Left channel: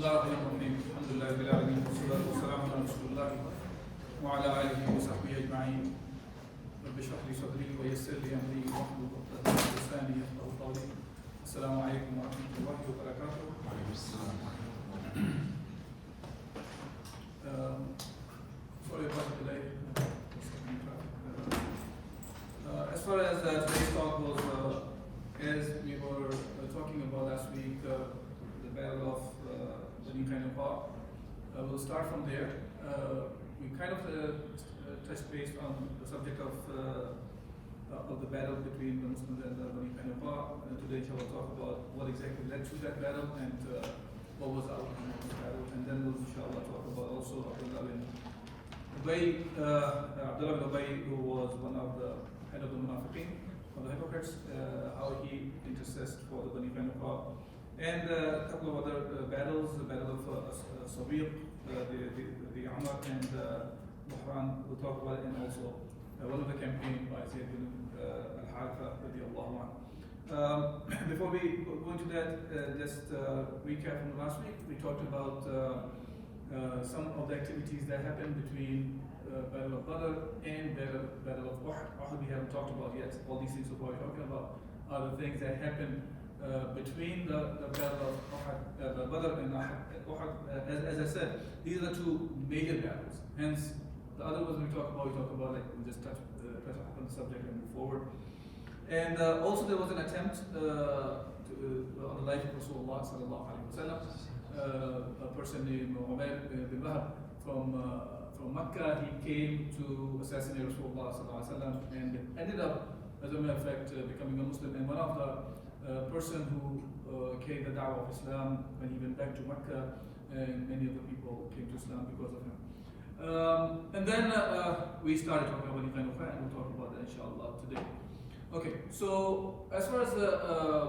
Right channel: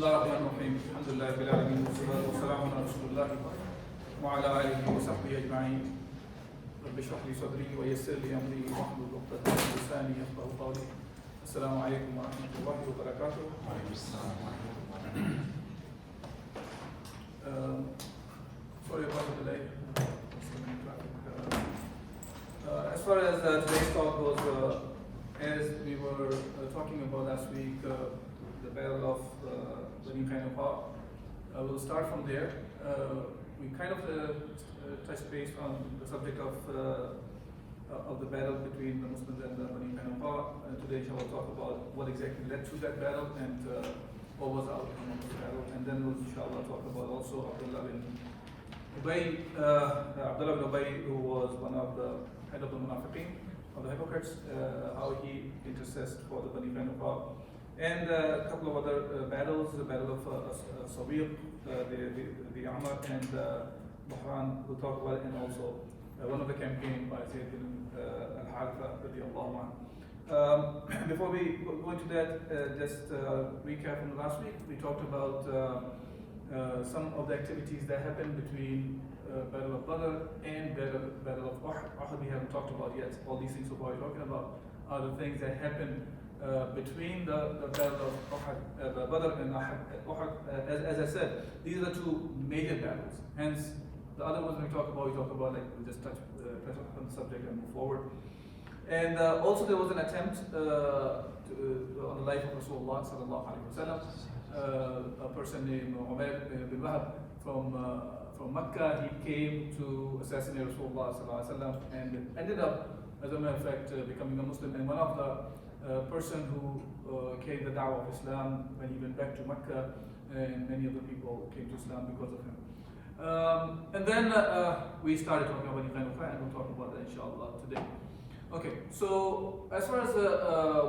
الله الرحمن الرحيم الحمد لله رب العالمين والصلاة والسلام على رسول الله وعلى آله وصحبه أجمعين رب اشرح لي صدري ويسر لي أمري واحلل عقدة من لساني يفقهوا قولي السلام عليكم ورحمة الله وبركاته. Sorry about the delay. As far as today's talk goes, as we were talking about last week, the battle of Bani Qanuqa, we'll start from there. We kind of touched base on the subject of the battle between the Muslims and the Bani Qanuqa. Today, inshallah, we'll talk about what exactly led to that battle and what was the outcome of the battle. And then we'll, inshallah, talk about also Abdullah bin Ubay, who was one of the head of the Munafiqeen, of the hypocrites, how he intercessed for the Bani Qanuqa. And a couple of other battles, the battle of Sawiq, Dhi Amr, and Buhran, we'll talk about it, and also one of the campaign by Shaykh Al-Makhtum. Before we go into that, just recap from last week, we talked about some of the activities that happened between Battle of Badr and Battle of Uhud. We haven't talked about yet. All these things we're talking about are the things that happened between the Battle of Uhud, Badr and Uhud. As I said, these are the two major battles. Hence, the other ones we talk about like we just touch on the subject and move forward. And also there was an attempt on the life of Rasulullah sallallahu alaihi wasallam. A person named Umar bin Wahab from Mecca, he came to assassinate Rasulullah sallallahu alaihi wasallam and ended up, as a matter of fact, becoming a Muslim. And one of the person who carried the da'wah of Islam when he went back to Mecca, and many of the people came to Islam because of him. And then we started talking about Bani Qanuqa, and we'll talk about that inshallah today. Okay, so as far as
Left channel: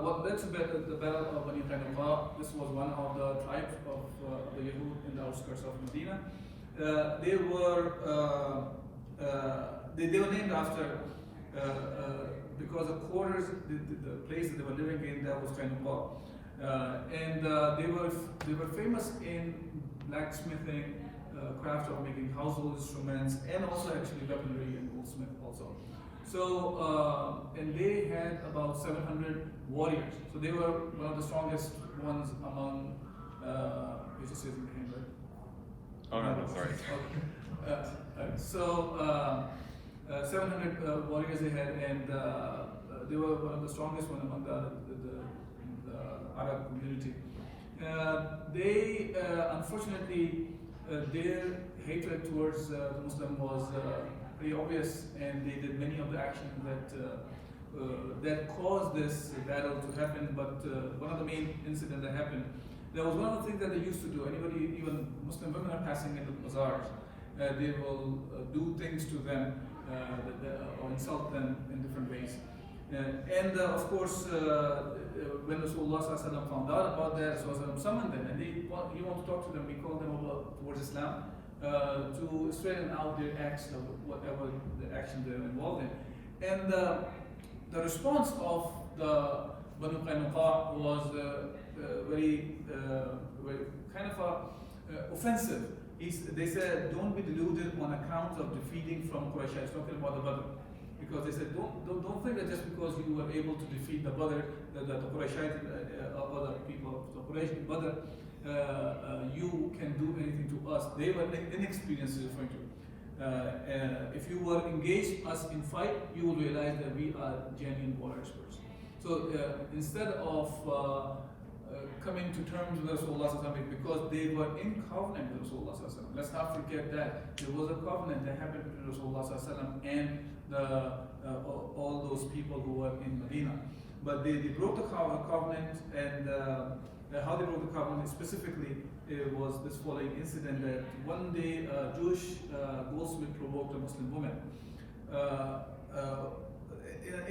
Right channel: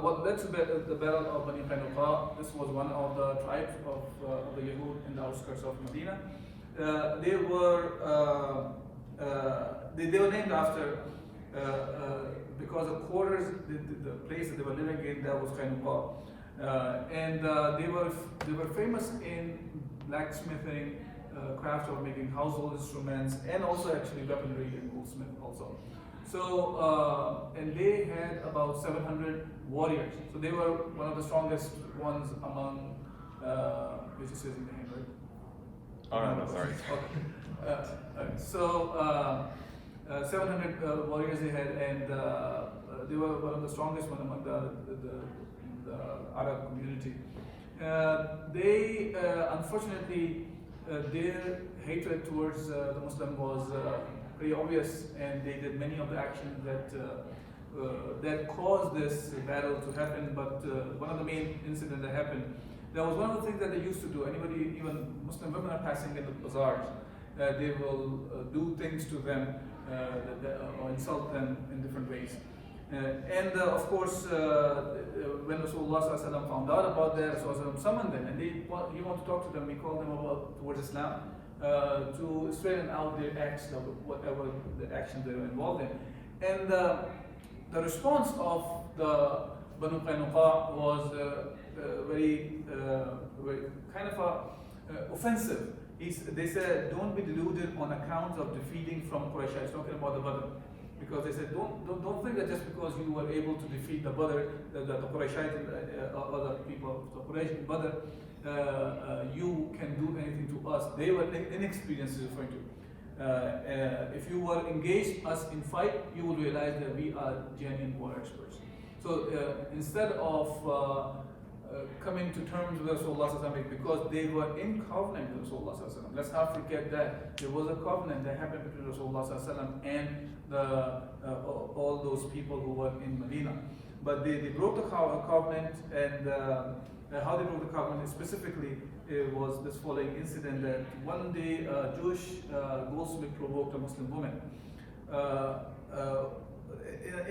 what led to the battle of Bani Qanuqa, this was one of the tribes of the Yahud in the outskirts of Medina. They were named after because the quarters, the place that they were living in, that was Qanuqa, and they were famous in blacksmithing, craft of making household instruments, and also actually weaponry and goldsmith also. So, and they had about 700 warriors. So they were one of the strongest ones among, which is in the name, right? So, 700 warriors they had, and they were one of the strongest one among the Arab community. They, unfortunately, their hatred towards the Muslim was very obvious, and they did many of the actions that caused this battle to happen. But one of the main incidents that happened, that was one of the things that they used to do. Anybody, even Muslim women are passing in the bazaars, they will do things to them or insult them in different ways. And of course, when Rasulullah found out about that, Rasulullah summoned them, and he wanted to talk to them. He called them about towards Islam to straighten out their acts, whatever the actions they were involved in. And the response of the Bani Qanuqa was very kind of offensive. They said, "Don't be deluded on account of defeating from Quraysh." I was talking about the Badr. Because they said, don't think that just because you were able to defeat the Badr, the Qurayshite, other people, the Quraysh Badr, you can do anything to us. They were inexperienced, referring to. If you were engaged us in fight, you would realize that we are genuine war experts. So instead of coming to terms with Rasulullah because they were in covenant with Rasulullah, let's not forget that there was a covenant that happened between Rasulullah and all those people who were in Medina. But they broke the covenant, and how they broke the covenant specifically was this following incident: that one day a Jewish goldsmith provoked a Muslim woman.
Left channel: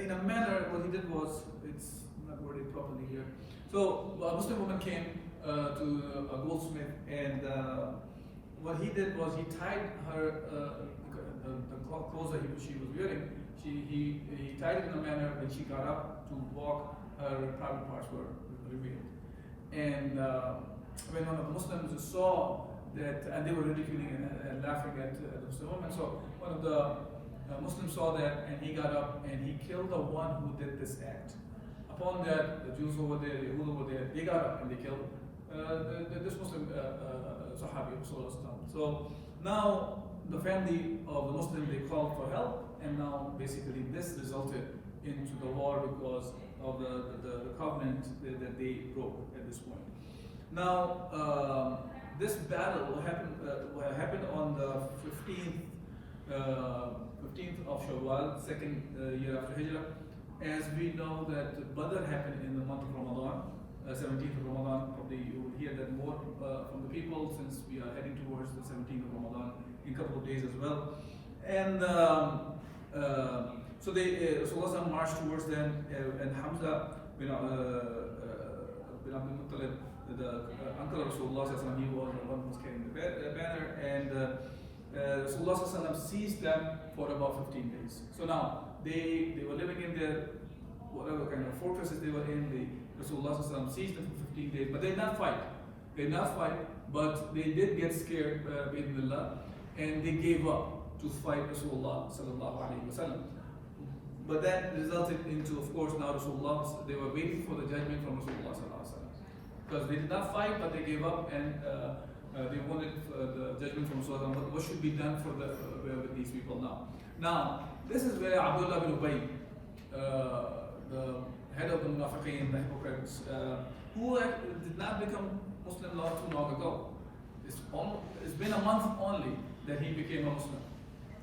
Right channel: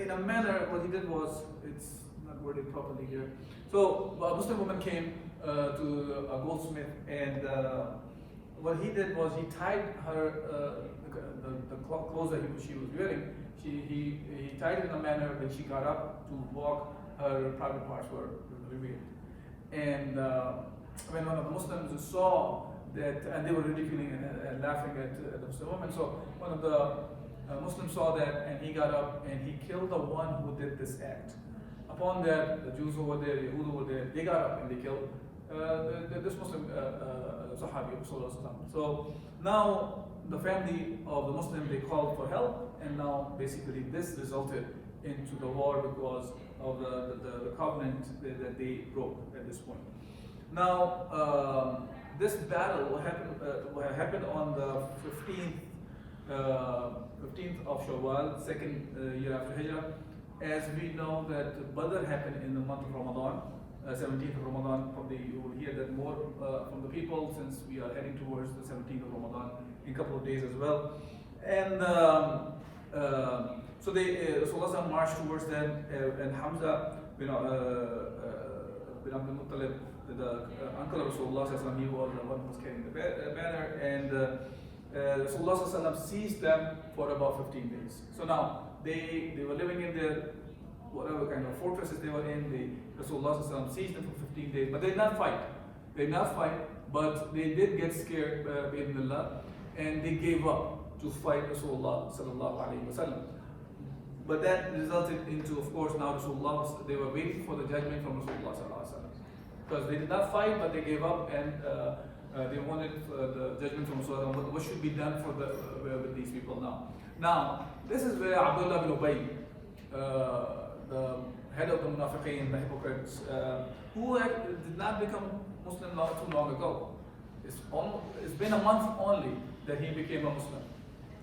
In a manner, what he did was, it's not worded properly here. So a Muslim woman came to a goldsmith, and what he did was he tied her the clothes that she was wearing. He tied it in a manner that she got up to walk, her private parts were revealed. And when one of the Muslims saw that, and they were ridiculing and laughing at the Muslim woman, so one of the Muslims saw that, and he got up and he killed the one who did this act. Upon that, the Jews over there, the Yahud over there, they got up and they killed this Muslim Sahabi of Rasulullah. So now the family of the Muslim, they called for help, and now basically this resulted into the war because of the covenant that they broke at this point. Now this battle happened on the 15th of Shawwal, second year after Hijrah. As we know that Badr happened in the month of Ramadan, 17th of Ramadan. Probably you will hear that more from the people, since we are heading towards the 17th of Ramadan in a couple of days as well. And so Rasulullah marched towards them, and Hamza bin Abdul Muttalib, the uncle of Rasulullah, he was the one who was carrying the banner, and Rasulullah seized them for about 15 days. So now they were living in their whatever kind of fortresses they were in. Rasulullah seized them for 15 days, but they did not fight. They did not fight, but they did get scared, and they gave up to fight Rasulullah sallallahu alaihi wasallam. But that resulted into, of course, now Rasulullah, they were waiting for the judgment from Rasulullah sallallahu alaihi wasallam, because they did not fight, but they gave up, and they wanted the judgment from Rasulullah. What should be done for with these people now? Now, this is where Abdullah bin Ubay, the head of the Munafiqeen, the hypocrites, who did not become Muslim not too long ago. It's been a month only that he became a Muslim,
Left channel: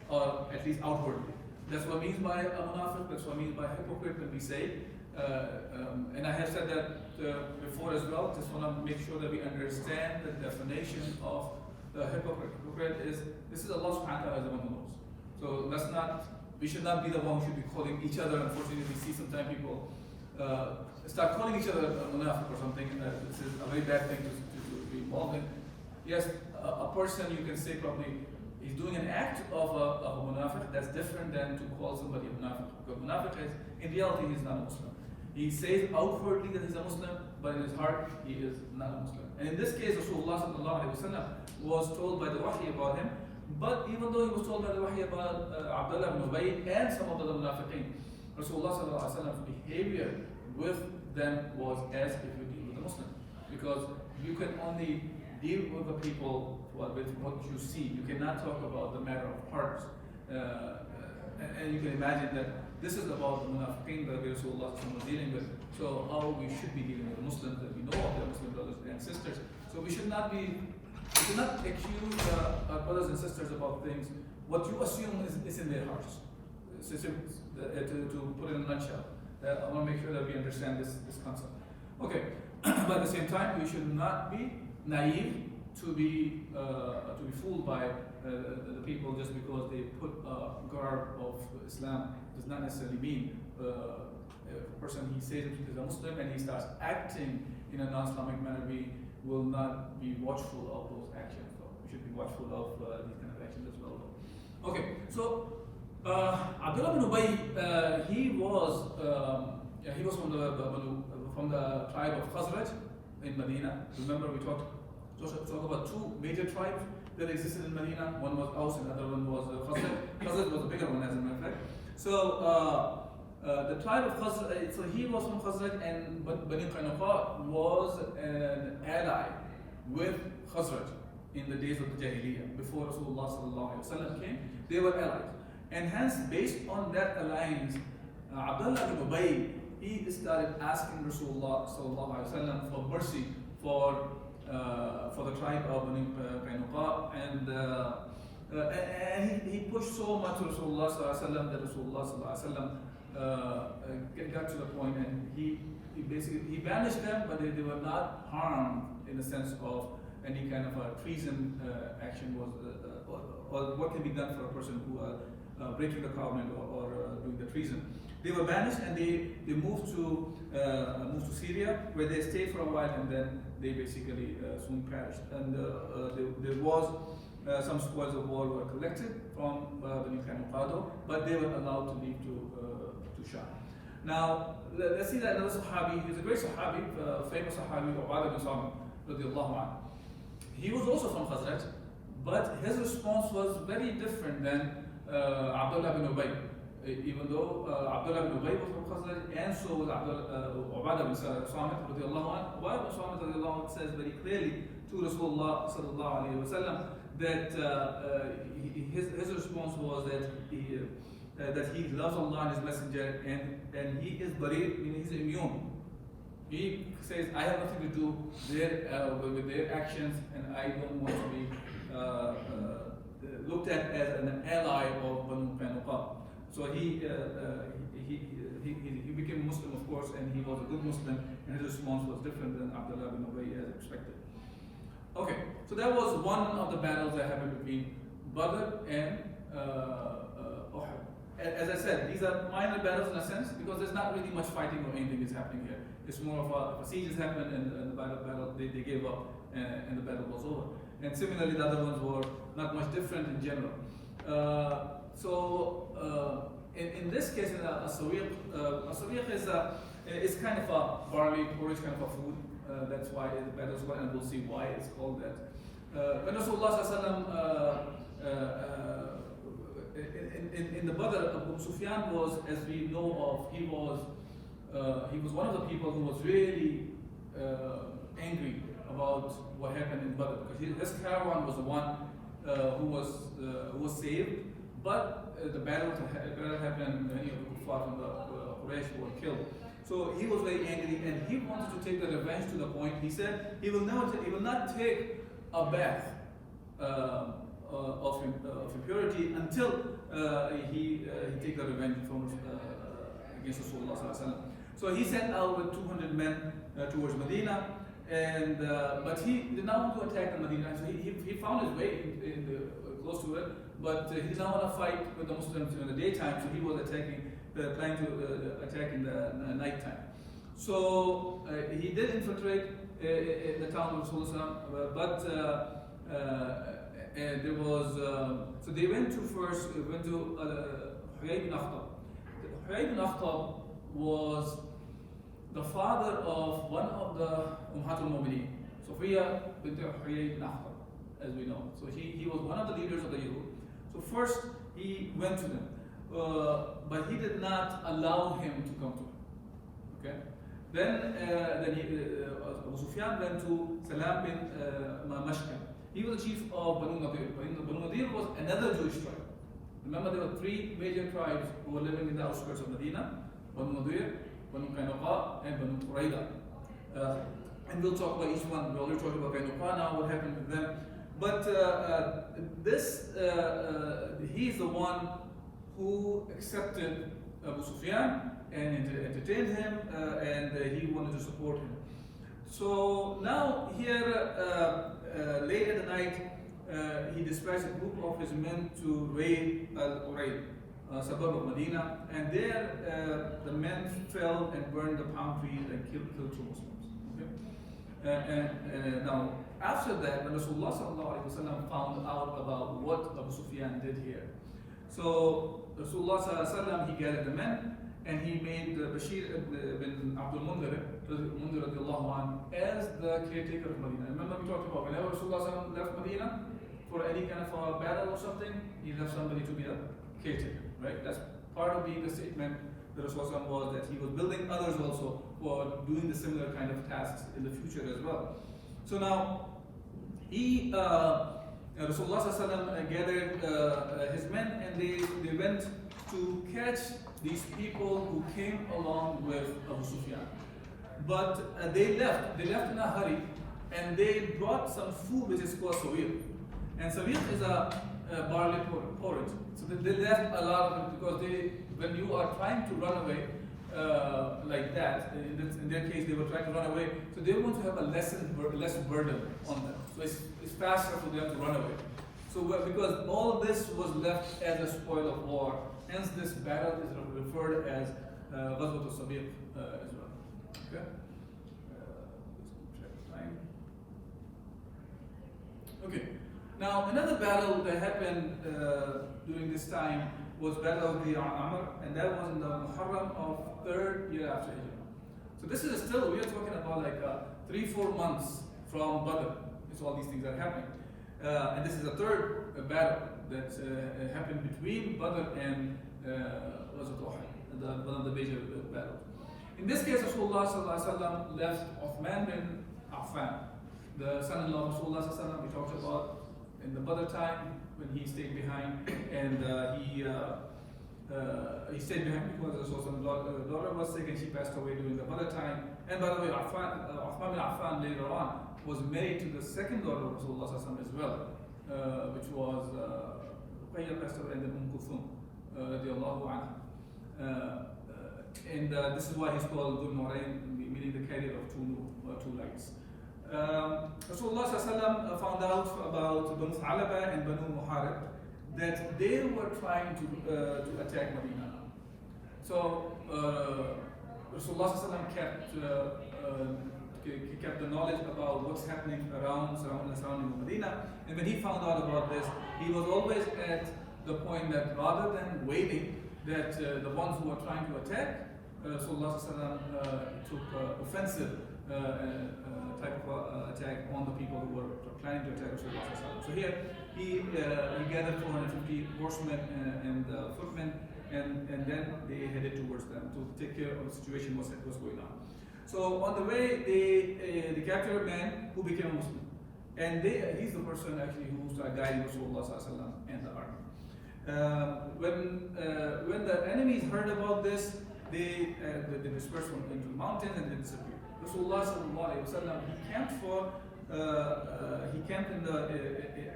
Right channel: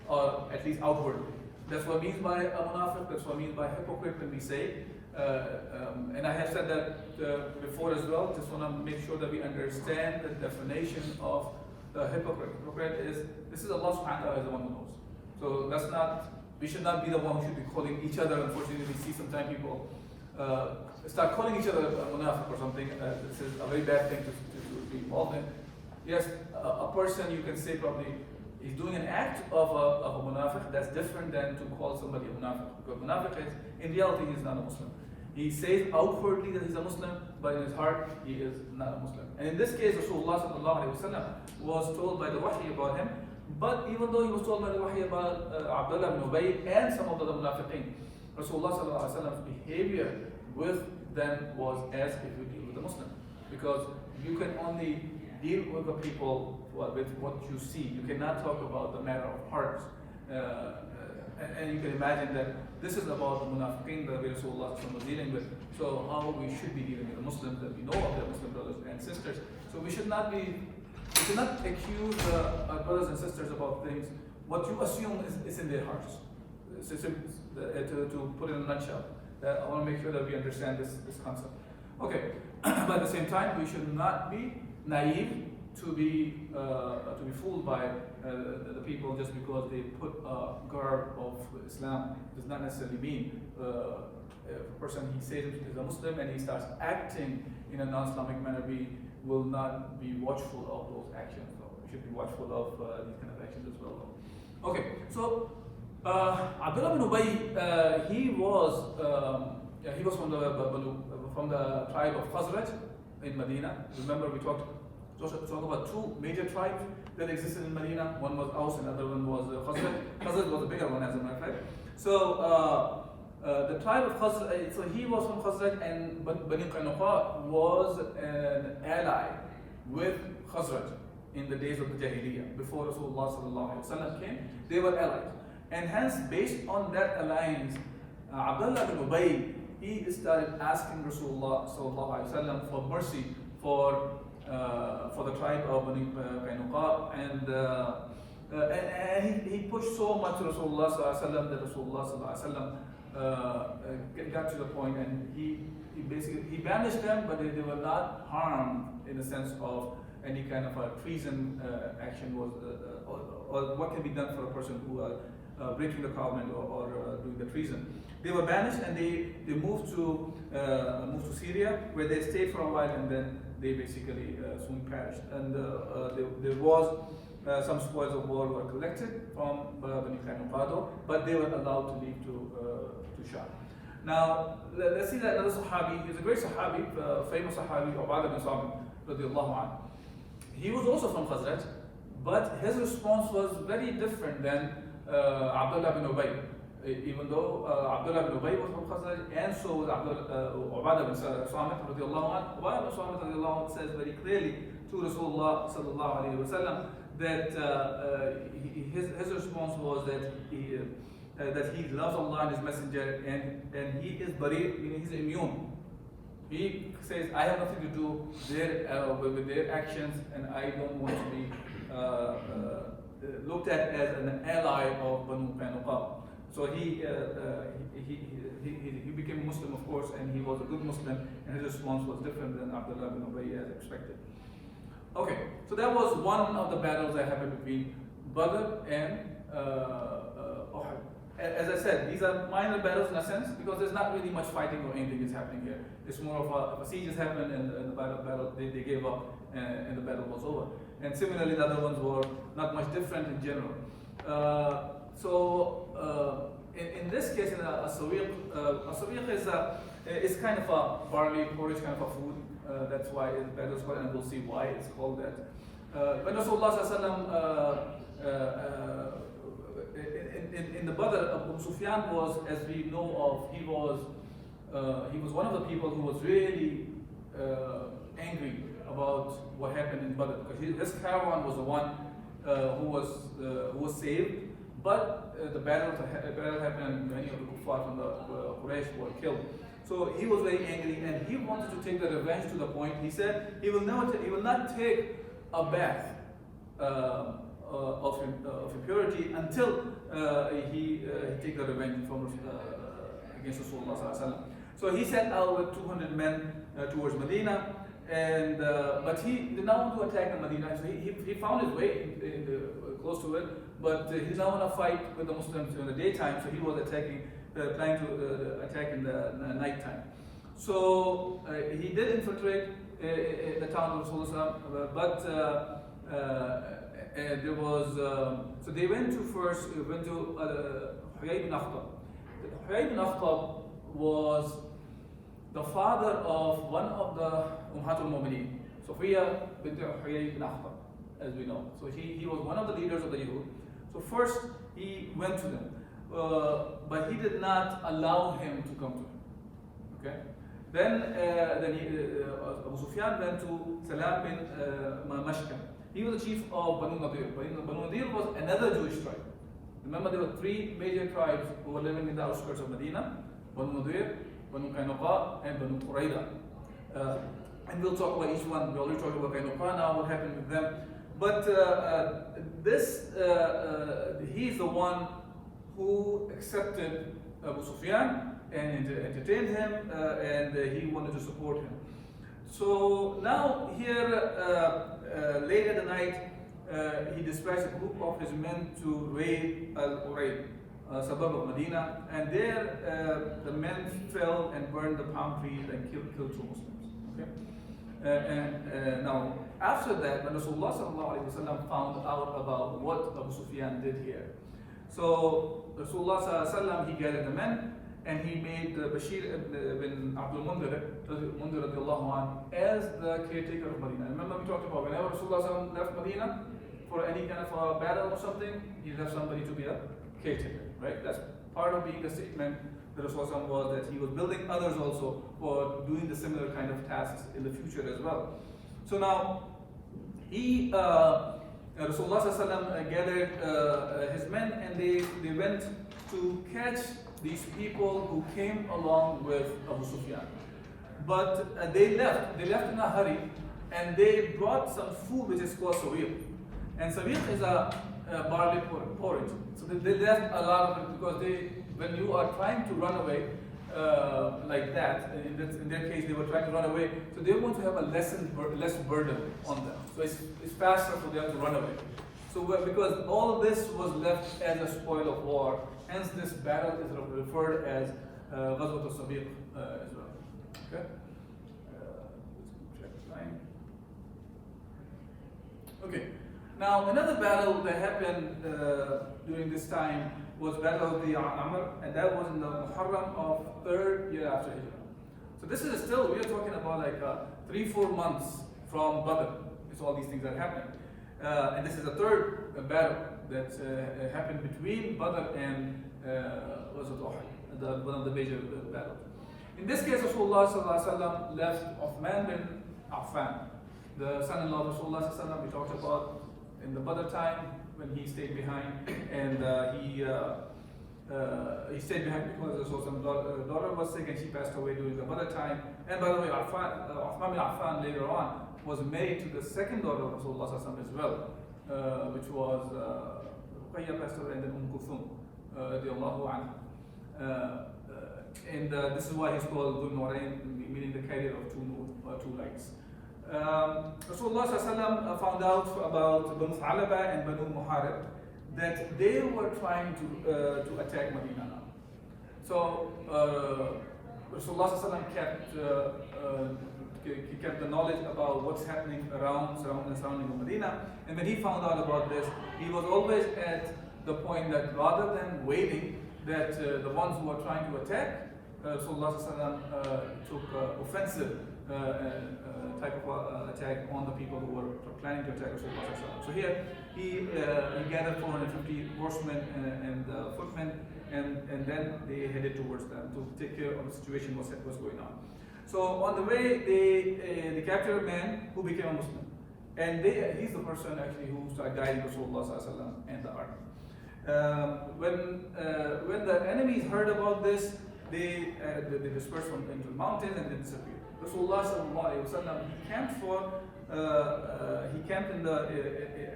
or at least outwardly. That's what means by a Munafiq, that's what means by hypocrite when we say. And I have said that before as well. Just want to make sure that we understand the definition of the hypocrite. Hypocrite is, this is Allah subhanahu wa ta'ala is the one who knows. So we should not be the one who should be calling each other. Unfortunately, we see sometimes people start calling each other a Munafiq or something. This is a very bad thing to be involved in. Yes, a person, you can say probably he's doing an act of a Munafiq. That's different than to call somebody a Munafiq. Because Munafiq is, in reality, he's not a Muslim. He says outwardly that he's a Muslim, but in his heart, he is not a Muslim. And in this case, Rasulullah sallallahu alaihi wasallam was told by the wahy about him. But even though he was told by the wahy about Abdullah bin Ubay and some of the Munafiqeen, Rasulullah sallallahu alaihi wasallam's behavior with them was as if you deal with a Muslim. Because you can only deal with the people with what you see. You cannot talk about the matter of hearts. And you can imagine that this is about the Munafiqeen that Rasulullah was dealing with. So how we should be dealing with the Muslims, that we know of their Muslim brothers and sisters. So we should not accuse brothers and sisters about things. What you assume is in their hearts. To put it in a nutshell, I want to make sure that we understand this concept. Okay, but at the same time, we should not be naive to be fooled by the people just because they put a garb of Islam. Does not necessarily mean a person, he says he's a Muslim and he starts acting in a non-Islamic manner. We will not be watchful of those actions. So we should be watchful of these kind of actions as well. Okay, so Abdullah bin Ubay, he was from the tribe of Khazraj in Medina. Remember, we talked about two major tribes that existed in Medina. One was Aus and the other one was Khazraj. Khazraj was a bigger one, as a matter of fact. So the tribe of Khazraj, so he was from Khazraj, and Bani Qanuqa was an ally with Khazraj in the days of the Jahiliyyah. Before Rasulullah sallallahu alaihi wasallam came, they were allies. And hence, based on that alliance, Abdullah bin Ubay, he started asking Rasulullah sallallahu alaihi wasallam for mercy for the tribe of Bani Qanuqa, and he pushed so much to Rasulullah sallallahu alaihi wasallam that Rasulullah sallallahu alaihi wasallam got to the point, and he banished them, but they were not harmed in the sense of any kind of a treason action was or what can be done for a person who breaking the covenant or doing the treason. They were banished, and they moved to Syria, where they stayed for a while, and then they basically soon perished. And there was some spoils of war were collected from Bani Qanuqa, but they were allowed to leave to Sham. Now let's see that another Sahabi. He's a great Sahabi, famous Sahabi, Ubadah bin Samit. radiallahu anhu. He was also from Khazraj, but his response was very different than Abdullah bin Ubay. Even though Abdullah bin Ubay was from Khazraj, and so was Ubadah bin Samit radiallahu anhu. Ubadah bin Samit radiallahu anhu says very clearly to Rasulullah sallallahu alayhi wa sallam that his response was that he loves Allah and His Messenger, and he is bari, he's immune. He says, I have nothing to do with their actions, and I don't want to be looked at as an ally of Bani Qanuqa. So he became Muslim, of course, and he was a good Muslim, and his response was different than Abdullah bin Ubay as expected. Okay, so that was one of the battles that happened between Badr and Uhud. As I said, these are minor battles in a sense, because there's not really much fighting or anything is happening here. It's more of a siege has happened, and the battle they gave up, and the battle was over. And similarly, the other ones were not much different in general. In this case, a sawiq is kind of a barley porridge kind of a food. That's why, and we'll see why it's called that. When Rasulullah in the Badr, Abu Sufyan was, as we know of, he was one of the people who was really angry about what happened in Badr, because his caravan was the one who was saved, but the battle happened, and many of the kuffar from the Quraysh were killed. So he was very angry, and he wanted to take the revenge to the point. He said he will not take a bath of impurity until he take the revenge from against Rasulullah sallallahu alaihi wasallam. So he sent out with 200 men towards Medina, and but he did not want to attack Medina. So he found his way close to it, but he did not want to fight with the Muslims in the daytime. So he was planning to attack in the nighttime. So he did infiltrate the town of Rasulullah, but there was so they went to Huyay bin Akhtab. Huyay bin Akhtab was the father of one of the Ummatul Mu'mineen, Sophia bint Huyay bin Akhtab, as we know. So he was one of the leaders of the Yahud. So first he went to them, but he did not allow him to come to him. Okay. Then Abu Sufyan went to Salam bin Mashkan. He was the chief of Banu Nadir. Banu Nadir was another Jewish tribe. Remember, there were three major tribes who were living in the outskirts of Medina: Banu Nadir, Banu Qanuqa, and Banu Qurayda. And we'll talk about each one. We already talked about Qanuqa now, what happened with them. But he's the one who accepted Abu Sufyan and entertained him, and he wanted to support him. So now here, late at the night, he dispatched a group of his men to raid Al-Urayd, a suburb of Medina, and there the men fell and burned the palm trees and killed two Muslims. Okay? Now, after that, when Rasulullah found out about what Abu Sufyan did here, so Rasulullah he gathered the men, and he made Bashir bin Abdul Mundir as the caretaker of Medina. Remember we talked about whenever Rasulullah left Medina for any kind of a battle or something, he left somebody to be a caretaker, right? That's part of being a statement that Rasulullah was, that he was building others also for doing the similar kind of tasks in the future as well. So now, Rasulullah gathered his men, and they went to catch these people who came along with Abu Sufyan. But they left in a hurry, and they brought some food which is called Sawiq. And Sawiq is a barley porridge. So they left a lot of it, because when you are trying to run away like that, in their case they were trying to run away, so they want to have a less burden on them. So it's faster for them to run away. So because all of this was left as a spoil of war, hence this battle is referred as Ghazwat al-Sawiq as well. Okay? Okay. Now another battle that happened during this time was Battle of Dhi Amr, and that was in the Muharram of 3rd year after Hijrah. So this is still, we are talking about like 3-4 months from Badr. It's all these things that are happening. And this is the third battle that happened between Badr and was it Uhud, one of the major battles. In this case, Rasulullah ﷺ left Uthman bin Affan, the son-in-law of Rasulullah ﷺ. We talked about in the Badr time when he stayed behind, and he stayed behind because Rasulullah's daughter was sick and she passed away during the Badr time. And by the way, Uthman bin Affan later on was married to the second daughter of Rasulullah ﷺ as well, which was Ruqayya passed away, and then Kulthum radiallahu anha. And this is why he's called Dhul Nurayn, meaning the carrier of two lights. Rasulullah ﷺ found out about Banu Thalaba and Banu Muharib that they were trying to attack Medina now. So Rasulullah ﷺ kept the knowledge about what's happening surrounding Medina, and when he found out about this, he was always at the point that rather than waiting that the ones who were trying to attack, Rasulullah took offensive type of attack on the people who were planning to attack Rasulullah. So here he gathered 450 horsemen and footmen, and then they headed towards them to take care of the situation what's going on. So on the way they captured a man who became a Muslim, and he's the person actually who started guiding Rasulullah and the army. When the enemies heard about this, they dispersed from into the mountains and they disappeared. Rasulullah he camped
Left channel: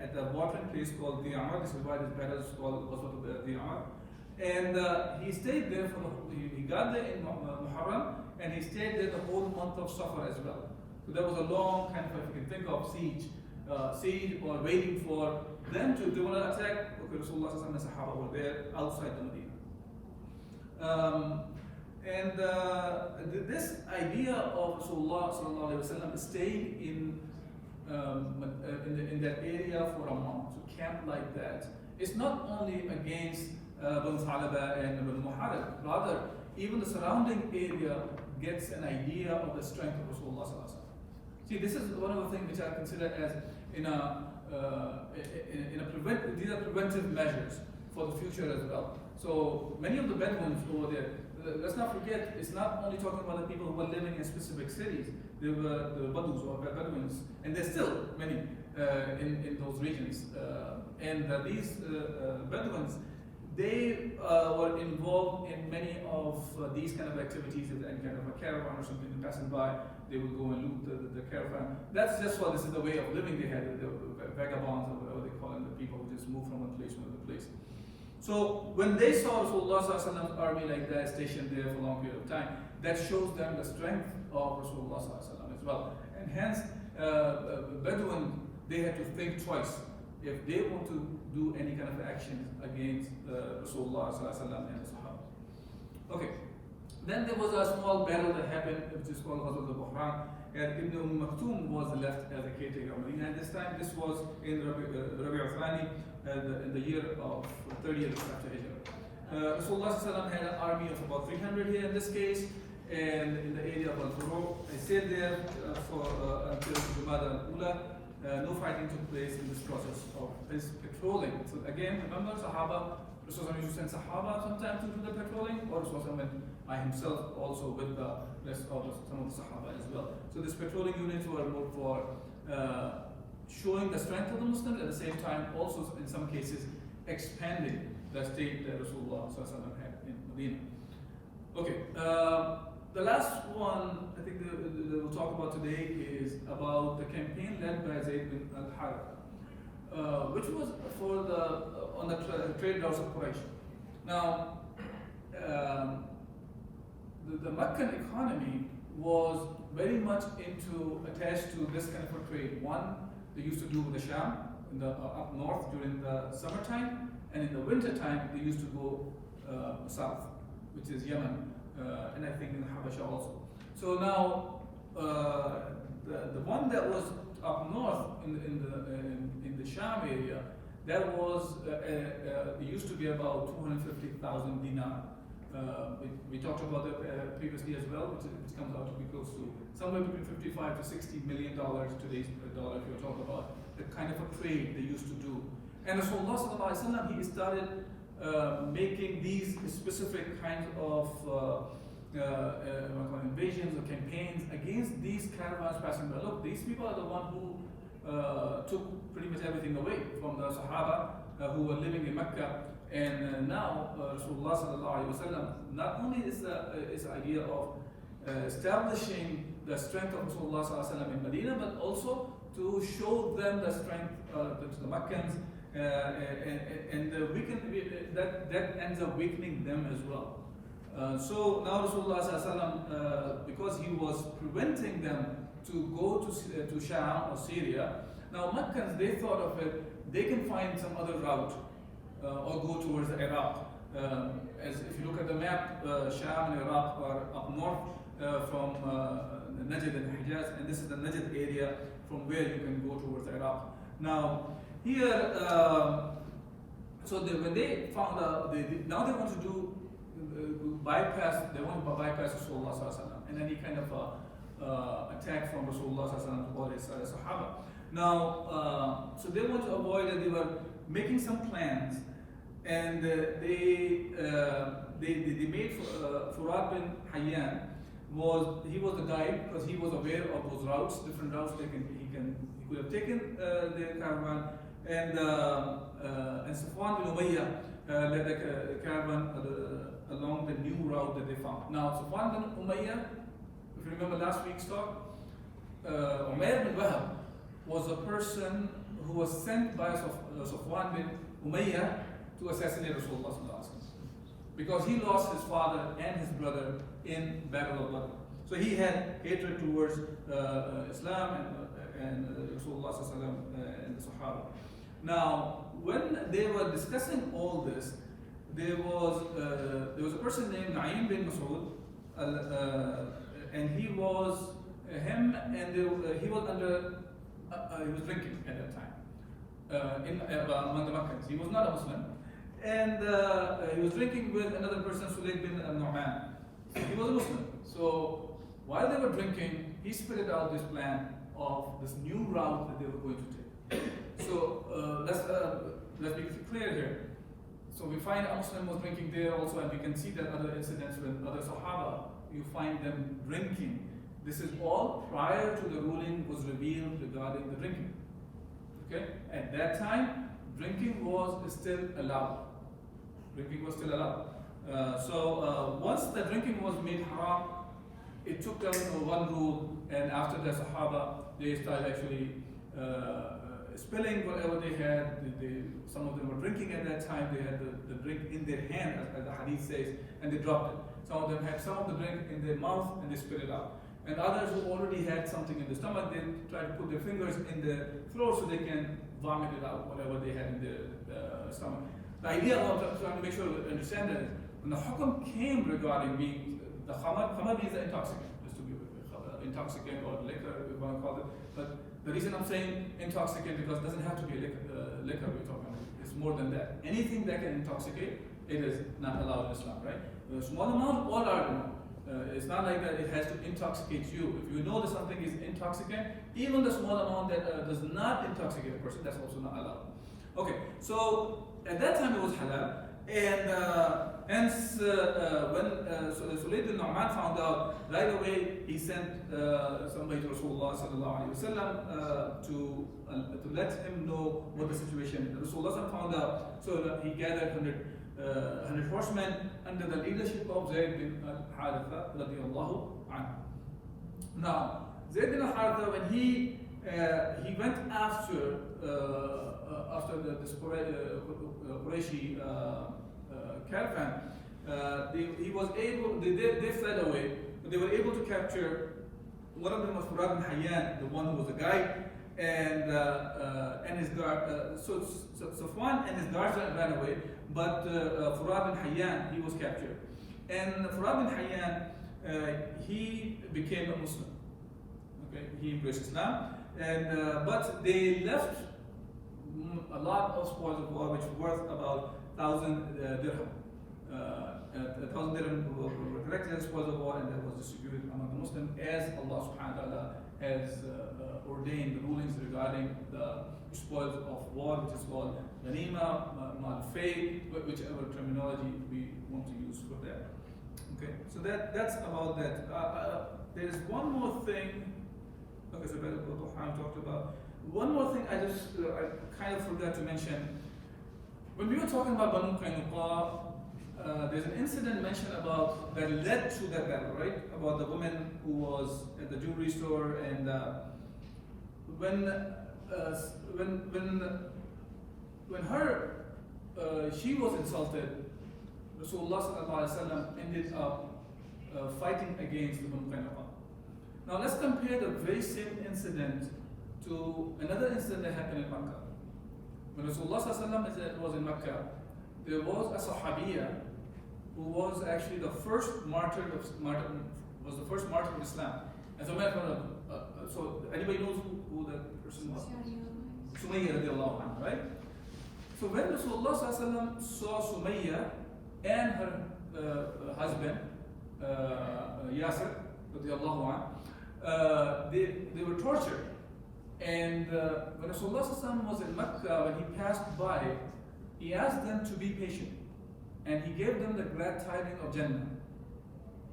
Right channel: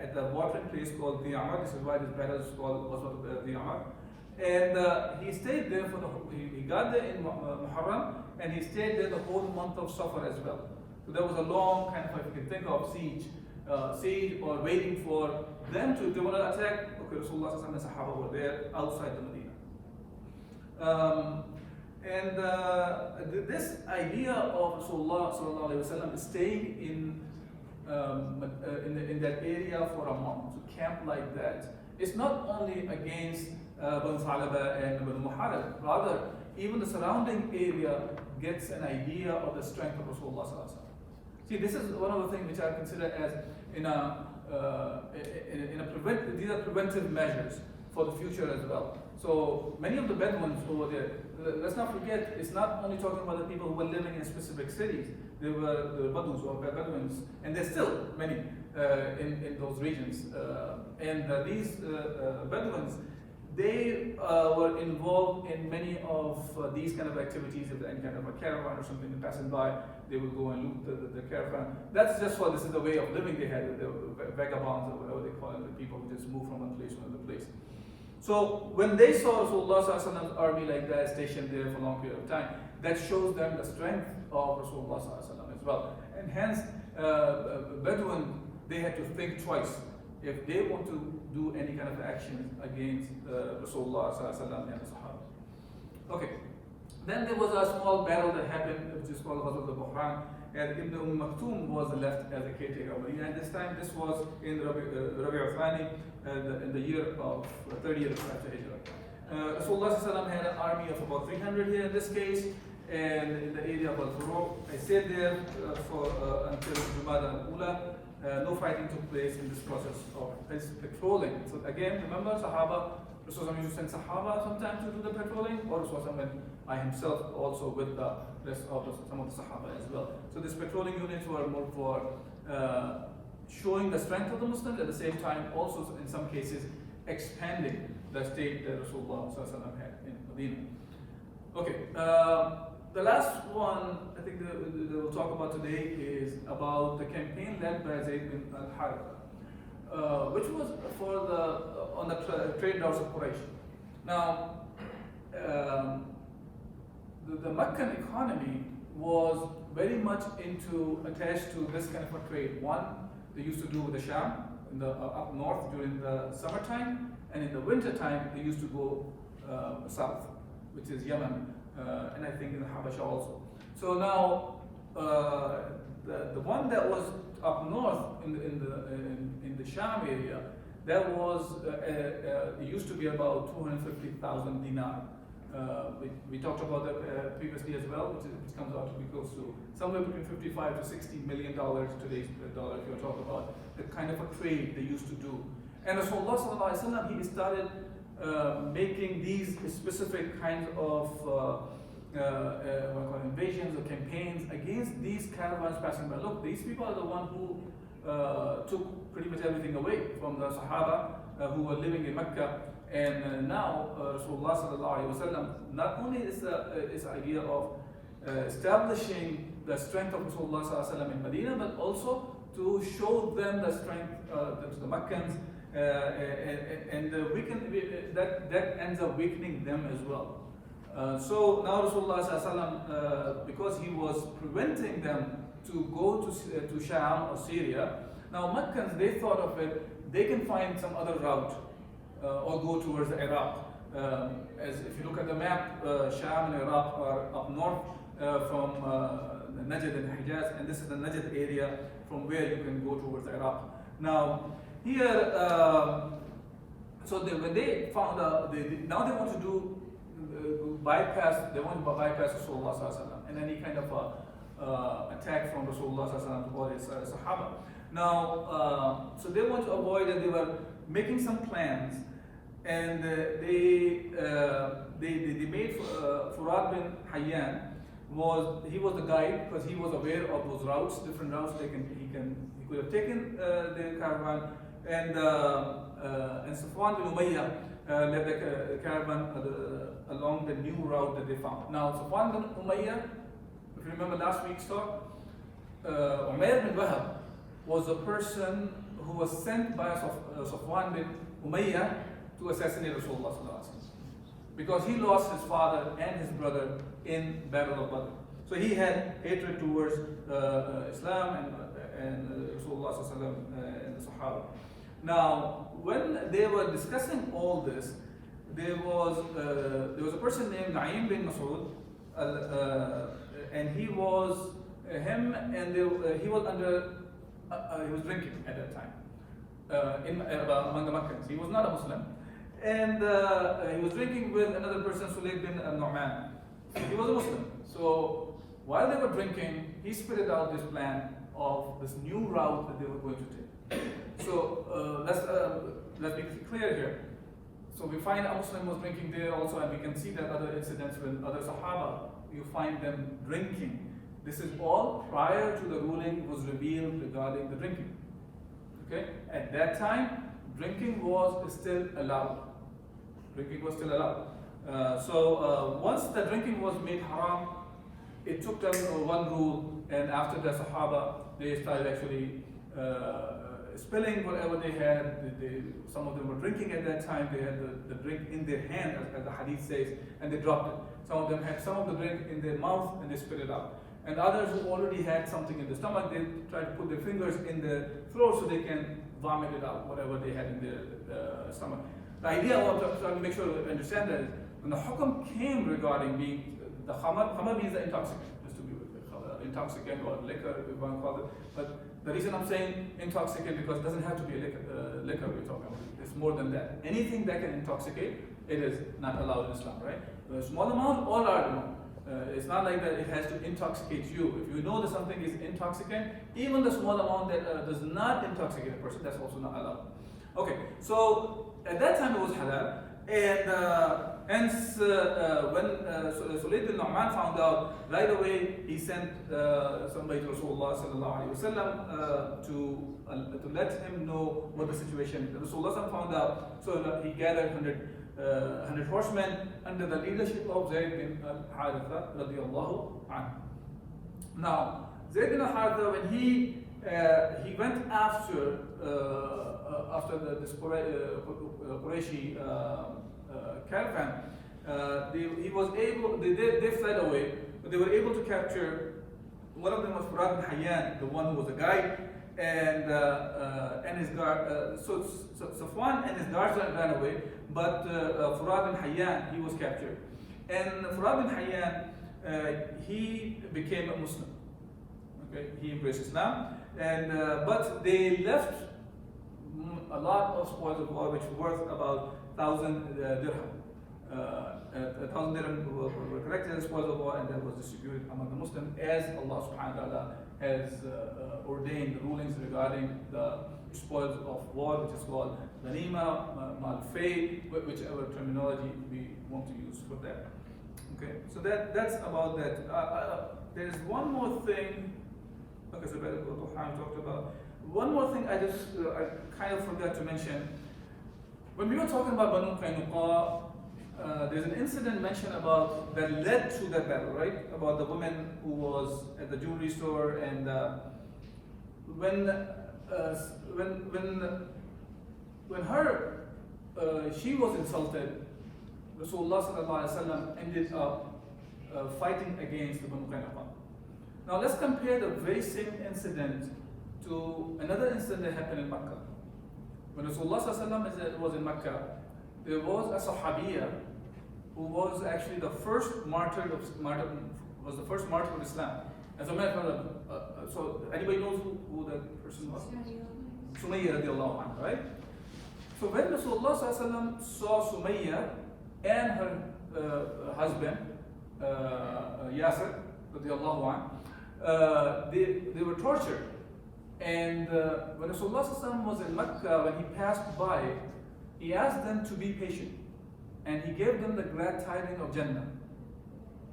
at the watering place called Dhi Amr. This is why this battle is called Dhi Amr. And he stayed there he got there in Muharram, and he stayed there the whole month of Safar as well. So there was a long kind of, if you can think of siege or waiting for them to want to attack. Okay, Rasulullah and the Sahaba were there outside the Medina. This idea of Rasulullah staying in that area for a month, to camp like that, it's not only against Banu Thalaba and Banu Muharib, rather even the surrounding area gets an idea of the strength of Rasulullah. See, this is one of the things which I consider as these are preventive measures for the future as well. So many of the Bedouins over there, let's not forget, it's not only talking about the people who were living in specific cities. There were the Badus or Bedouins, and there's still many in those regions. These Bedouins, they were involved in many of these kind of activities. If any kind of a caravan or something passing by, they would go and loot the caravan. That's just what this is the way of living they had. They were vagabonds or whatever they call them, the people who just move from one place to another place. So when they saw Rasulullah's army like that stationed there for a long period of time, that shows them the strength of Rasulullah as well. And hence, Bedouin, they had to think twice if they want to do any kind of action against Rasulullah and the Sahaba. Okay. Then there was a small battle that happened, which is called Buhran, and Ibn Al-Makhtum was left as a caretaker of Medina. And this time, this was in Rabi' al-Thani, in the year of 30 years after Hijrah. Rasulullah had an army of about 300 here in this case, and in the area of Al-Furuq. I stayed there until Jumada al-Ula. No fighting took place in this process of patrolling. So again, remember Sahaba, Rasulullah used to send Sahaba sometimes to do the patrolling, or Rasulullah went by himself also with the rest of some of the Sahaba as well. So these patrolling units were more for showing the strength of the Muslims, at the same time also in some cases expanding the state that Rasulullah had in Medina. Okay. The last one I think we'll talk about today is about the campaign led by Zayd bin al-Harith, which was on the trade routes of Quraysh. Now, the Meccan economy was very much attached to this kind of a trade. One, they used to do with the Sham up north during the summertime, and in the winter time they used to go south, which is Yemen. And I think in the Habasha also. So now the one that was up north in the Sham area, that was it used to be about 250,000 dinar. we talked about that previously as well, which comes out to be close to somewhere between 55 to 60 million dollars today's dollar. If you're talking about the kind of a trade they used to do, and Rasulullah sallallahu alaihi wasallam, he started making these specific kinds of invasions or campaigns against these caravans passing by. Look, these people are the ones who took pretty much everything away from the Sahaba who were living in Mecca. And now Rasulullah sallallahu alaihi wasallam not only is the idea of establishing the strength of Rasulullah sallallahu alaihi wasallam in Medina, but also to show them the strength to the Meccans, and that ends up weakening them as well. So now Rasulullah sallallahu alaihi wasallam, because he was preventing them to go to Sham or Syria, now Meccans, they thought of it, they can find some other route or go towards Iraq. As if you look at the map, Sham and Iraq are up north from Najd and Hijaz, and this is the Najd area from where you can go towards Iraq. Now, here, when they found out, now they want to do bypass Rasulullah sallallahu alaihi wasallam and any kind of attack from Rasulullah sallallahu alaihi wasallam or his Sahaba. Now, so they want to avoid it. They were making some plans, and they made Furad bin Hayyan he was the guide, because he was aware of those routes, different routes he could have taken the caravan, and Safwan bin Umayyah led the caravan along the new route that they found. Now, Safwan bin Umayyah, if you remember last week's talk, Umayr bin Wahab was a person who was sent by Safwan bin Umayyah to assassinate Rasulullah sallallahu alaihi wasallam, because he lost his father and his brother in Battle of Badr. So he had hatred towards Islam and Rasulullah sallallahu alaihi wasallam and the Sahaba. Now, when they were discussing all this, there was a person named Naim bin Masood, and he was he was drinking at that time among the Meccans. He was not a Muslim, and he was drinking with another person, Sulayd bin Nu'man. He was a Muslim. So while they were drinking, he spitted out this plan of this new route that they were going to take. So let's be clear here. So we find a Muslim was drinking there also, and we can see that other incidents with other Sahaba, you find them drinking. This is all prior to the ruling was revealed regarding the drinking. Okay? At that time, drinking was still allowed. Drinking was still allowed. Once the drinking was made haram, it took them one rule, and after the Sahaba, they started actually spilling whatever they had. Some of them were drinking at that time. They had the drink in their hand, as the hadith says, and they dropped it. Some of them had some of the drink in their mouth and they spit it out. And others who already had something in the stomach, they tried to put their fingers in the throat so they can vomit it out, whatever they had in their stomach. The idea I want to make sure you understand that is, when the hukum came regarding the khamar means the intoxicant, just to be intoxicant or liquor, if you want to call it. But the reason I'm saying intoxicant, because it doesn't have to be a liquor we're talking about. It's more than that. Anything that can intoxicate, it is not allowed in Islam, right? The small amount, all are known. It's not like that it has to intoxicate you. If you know that something is intoxicant, even the small amount that does not intoxicate a person, that's also not allowed. Okay, so at that time it was halal, and hence when Sulayd bin Nu'man found out, right away he sent somebody to Rasulullah sallallahu alaihi wasallam to let him know what the situation. Rasulullah found out, so he gathered 100 horsemen under the leadership of Zayd bin al-Haritha radiyallahu anhu. Now, Zayd bin al-Haritha, when he went after this Qurayshi caravan, they fled away, but they were able to capture one of them was Furad bin Hayyan, the one who was a guide, and his guard. So Safwan and his guards ran away, but Furad bin Hayyan, he was captured. And Furad bin Hayyan, he became a Muslim. Okay, he embraced Islam, and but they left a lot of spoils of war, which were worth about 1,000 dirham. 1,000 dirham were collected as spoils of war, and that was distributed among the Muslims as Allah subhanahu wa ta'ala has ordained the rulings regarding the spoils of war, which is called ghanima, mal fay, whichever terminology we want to use for that. Okay, so that's about that. There is one more thing. Okay, so that's what Buhran talked about. One more thing I kind of forgot to mention. When we were talking about Bani Qanuqa, there's an incident mentioned about that led to that battle, right? About the woman who was at the jewelry store, and when she was insulted, Rasulullah sallallahu alaihi wasallam ended up fighting against the Bani Qanuqa. Now let's compare the very same incident to another incident that happened in Makkah. When Rasulullah sallallahu alaihi wasallam was in Makkah, there was a Sahabiya who was actually the first martyr of Islam. As a matter of so anybody knows who that person was? Sumayya radiallahu anha, right? So when Rasulullah sallallahu alaihi wasallam saw Sumayya and her husband Yasir radiallahu anhu, they were tortured. And when Rasulullah sallallahu alaihi wasallam was in Makkah, when he passed by, he asked them to be patient, and he gave them the glad tidings of Jannah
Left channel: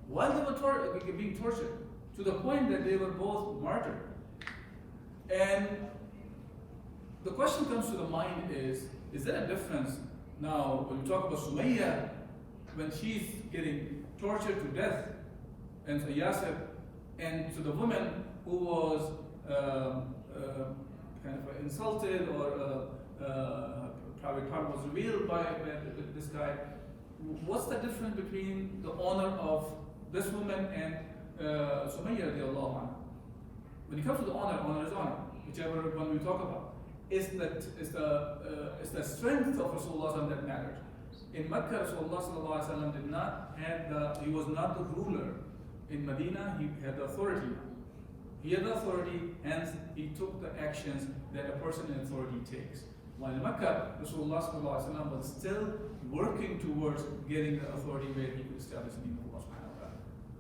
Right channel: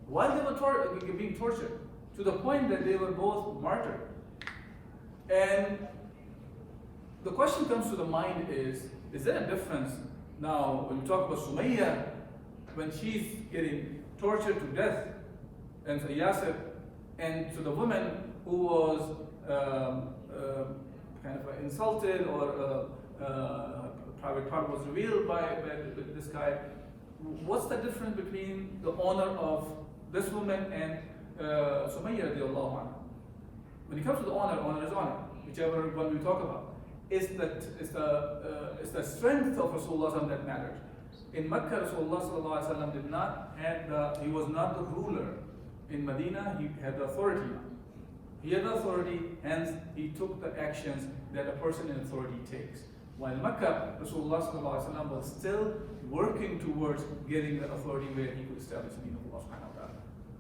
while they were being tortured, to the point that they were both martyred. And the question comes to the mind is there a difference now when we talk about Sumayya, when she's getting tortured to death, and so Yasir, and to the woman who was kind of insulted, or private part was revealed by this guy? What's the difference between the honor of this woman and Sumayya radiallahu anha? When it comes to the honor is honor, whichever one we talk about. It's the strength of Rasulullah that matters. In Makkah, Rasulullah sallallahu alaihi wasallam did not have he was not the ruler. In Medina, he had the authority. He had the authority, hence he took the actions that a person in authority takes. While in Makkah, Rasulullah sallallahu alaihi wasallam was still working towards getting the authority where he could establish the deen of Allah subhanahu wa ta'ala.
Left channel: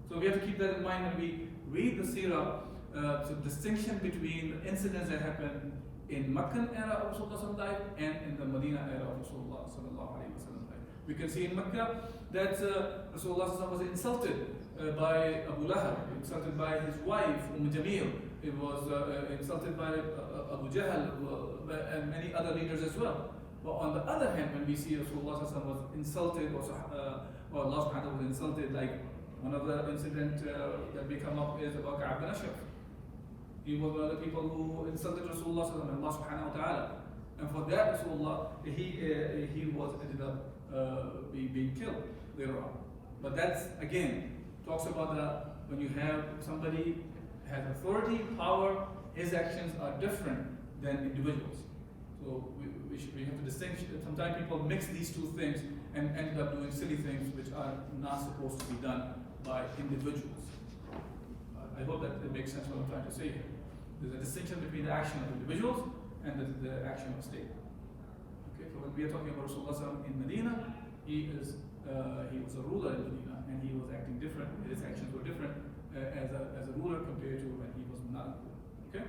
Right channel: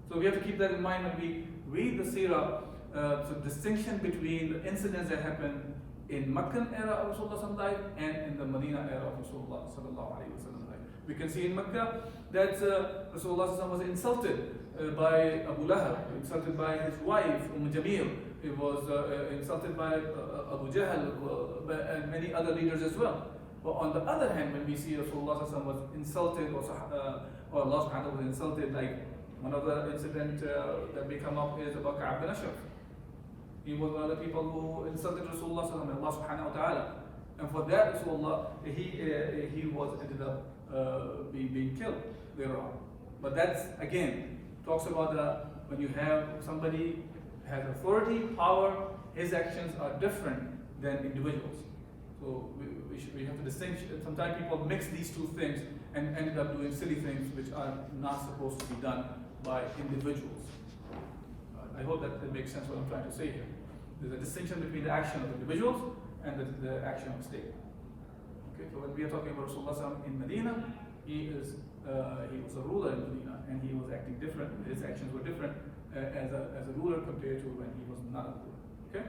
So we have to keep that in mind when we read the seerah, the distinction between the incidents that happened in Meccan era of Rasulullah's life and in the Medina era of Rasulullah sallallahu alaihi wasallam life. We can see in Mecca that Rasulullah was insulted by Abu Lahab, insulted by his wife Jamil. He was insulted by Abu Jahl and many other leaders as well. But on the other hand, when we see Rasulullah was insulted, or Allah subhanahu wa ta'ala was insulted, like one of the incidents that we come up is about Ka'ab bin Ashraf. He was one of the people who insulted Rasulullah and Allah subhanahu wa ta'ala. And for that, Rasulullah, he was ended up being killed thereon. But that's, again, talks about when you have somebody has authority, power, his actions are different than individuals. So we have to distinguish. Sometimes people mix these two things and ended up doing silly things which are not supposed to be done by individuals. I hope that it makes sense what I'm trying to say here. There's a distinction between the action of individuals and the action of the state. Okay, so when we are talking about Rasulullah in Medina, he was a ruler in Medina, and he was acting different. His actions were different as a ruler compared to when he was not a ruler. Okay.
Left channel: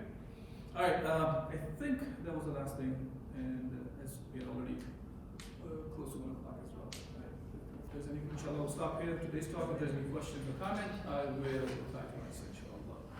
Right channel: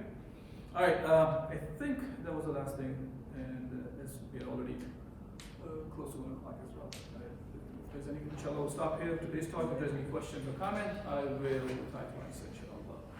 All right. I think that was the last thing, and as we are already close to 1 o'clock as well. If there's any, inshallah, we'll stop here today's talk. If there's any questions or comments, I will reply to answer.